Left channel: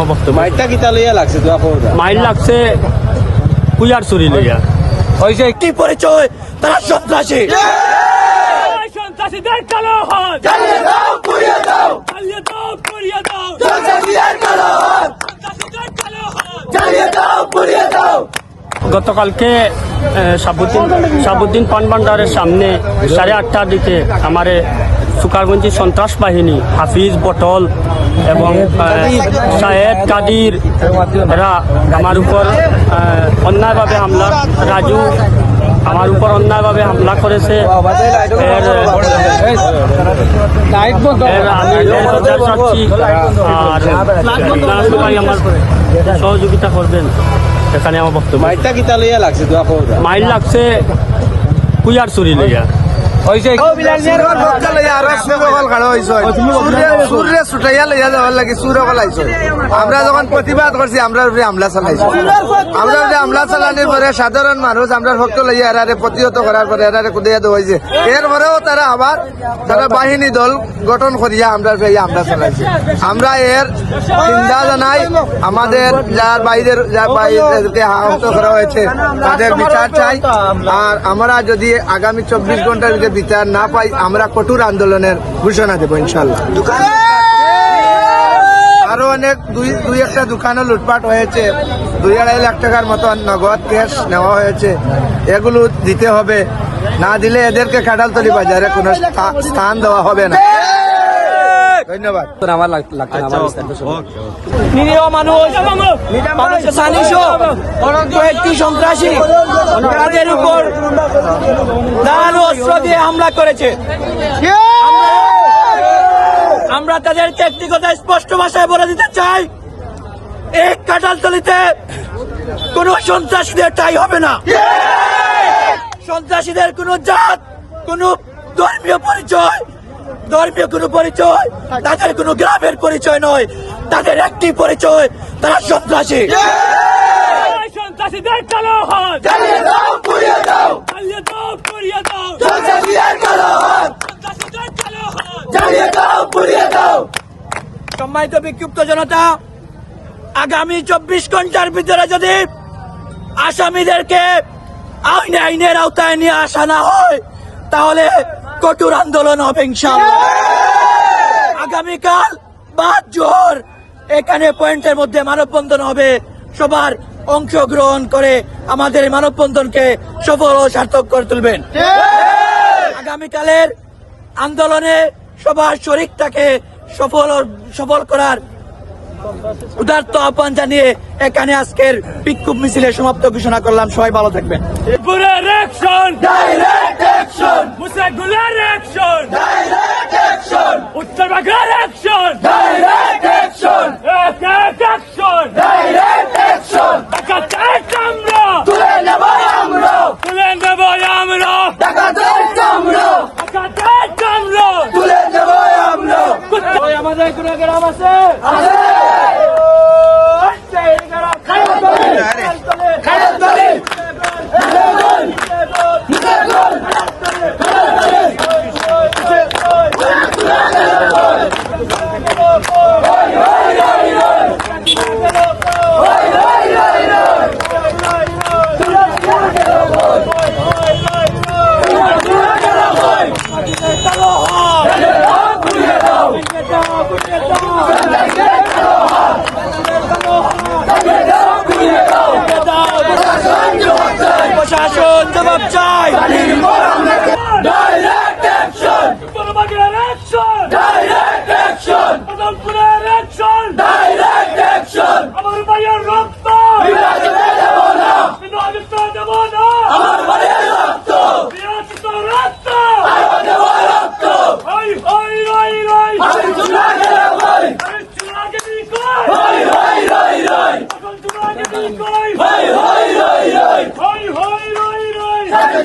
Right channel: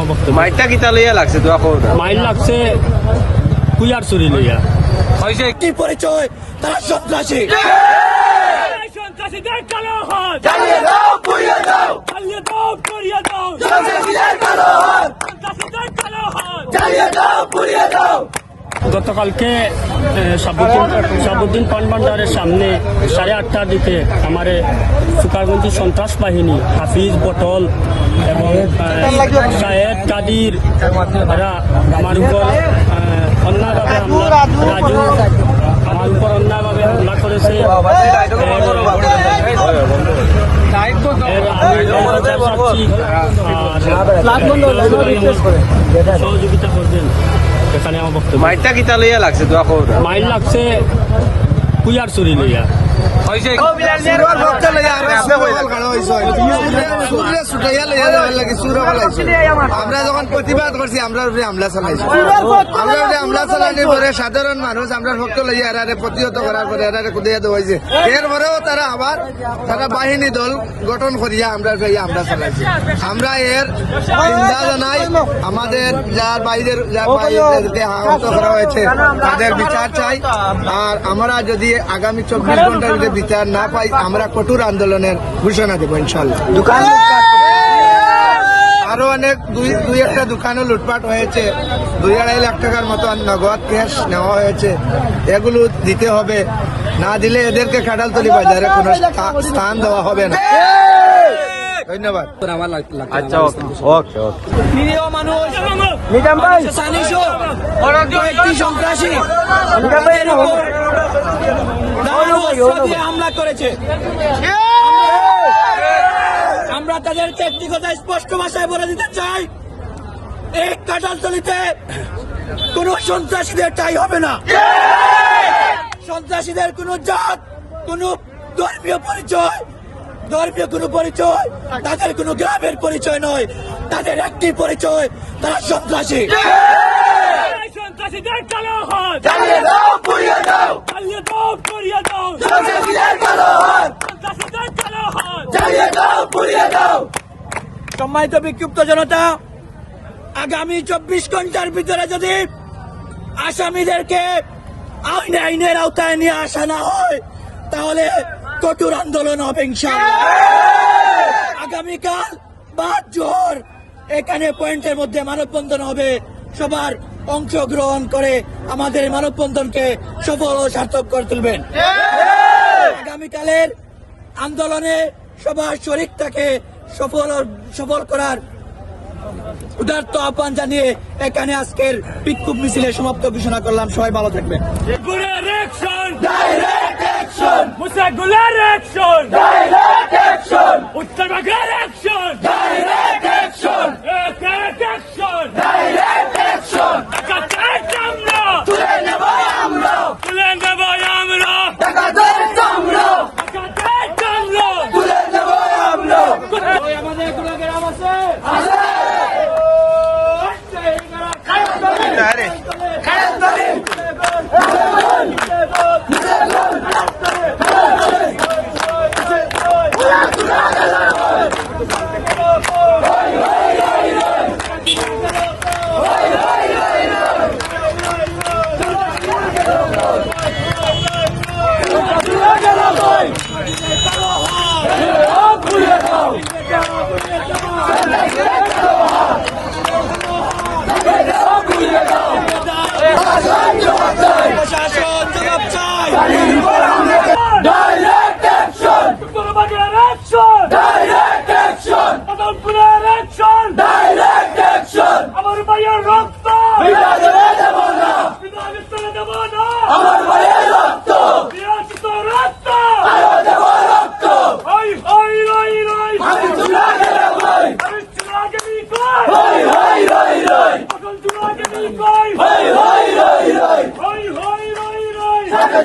আমার বক্তব্য মাইটটা কিতা লইয়া লাগছে তোরা খবর দা? মাইল লাগছে কুইয়ার চুরি লইয়া। কি পরিচয়? তারা সন্ত্রাসী। সন্ত্রাসীদের কালো হাত জ্বালিয়ে দাও পুড়িয়ে দাও। চালিয়ে দাও করিয়ে দাও। সন্ত্রাসীদের কালো হাত সন্ত্রাসীদের কালো হাত জ্বালিয়ে দাও পুড়িয়ে দাও। গতকালকে সাবুদ্দিন সাবুদ্দিন পান ভান্ডারের সামনে সাড়ে আটটার দিকে আমার সুকারগঞ্জি সন্ত্রাস বাহিনী হাফিজ বটল এবং শাহেদ কাদির এরা আমার উপর অন্যায়ভাবে হামলা। রাজু আমার উপর অন্যায়ভাবে হামলা করেছে। এর এর আমি যার আর সবাই আমার সহযোগিতা করবেন। এখানে আমার বক্তব্য। লইয়া লাগছে লাগছে কুইয়ার চুরি লইয়া। আমরা যখন প্রতিবাদ করছি আমরা উপরে হামলা চালাইছি। আমরা উপরে হামলা চালানোর পরে সাধারণ মানুষ আমরা ভক্ত লইয়া এরারে প্রতিহত করার পরে এরারে কুদিয়া হয়েছে এরপরেও তারা আবার তারা বাহিনী দল গঠন করিয়া আমরা উপরে হামলা চালাইছে। আমরা এর চিন্তা জানাই। আমাদের যার বাইরের যার বাইরেকে আহত করা হয়েছে তাদের বিচার চাই। আর আমরা যদি আগামী চব্বিশ ঘণ্টার ভিতরে বিচার না পাই আমরা কঠোর আন্দোলনের ঘোষণা দেবো ইনশাল্লাহ আরও অনেক দুই দুই একটা দোকানও লুটপাট হয়েছে দুই আড়াই লাখ টাকার মতো নগদ ক্যাশ নেওয়া হয়েছে এগুলো দিতে হবে না দিলে এদেরকে কাঁঠালতলি বাজারে কোনো স্থা- স্থান দেওয়া হবে না ধন্যবাদ আচ্ছা নিরীহ মানুষ সন্ত্রাসী তাদের উপর ধারালো অস্ত্র দিয়ে হামলা করেছে। আমরা- তাদের ব্যক্তিগত স্পষ্ট ভাষায় বলে দিতে চাই এই কাটালতলিতে কোন সন্ত্রাসীদের ঠাই হবে না। সন্ত্রাসীদের কোন জাত কোন ধর্মীয় পরিচয় ধর্মীয় কোন পরিচয় তাদের কোন গ্রামের পরিচয় নয় তাদের একটি পরিচয় তারা সন্ত্রাসী। সন্ত্রাসীদের কালো হাত জ্বালিয়ে দাও পুড়িয়ে দাও। চালিয়ে দাও করিয়ে দাও। কালো হাত কালো হাত জ্বালিয়ে দাও পুড়িয়ে দাও। সম্মানিত বিক্ষুব্ধ জনতা আগামী চব্বিশ ঘণ্টার ভিতরে যদি আসামিদেরকে আইনে আইনের আওতায় নিয়ে আসা না হয় তাহলে কঠোর আন্দোলন হবে ইনশাআল্লাহ। আগামীকাল বাদ জোহর এখানে পয়েন্টের মধ্যে মানববন্ধন হবে সবার অংশগ্রহণ করে আমাদের মানববন্ধনকে সফল ও সার্থক করে তুলবেন। আগামীকালের আন্দোলনে সবার শরিক তাকে সফল সফল করার উদার্ত আহ্বান জানিয়ে এখানে আজকের বিক্ষোভ মিছিলে সমাপ্ত ঘোষণা করলাম। সবাই ভালো থাকবেন। গুলার প্রশাসন জবাব চাই। Action!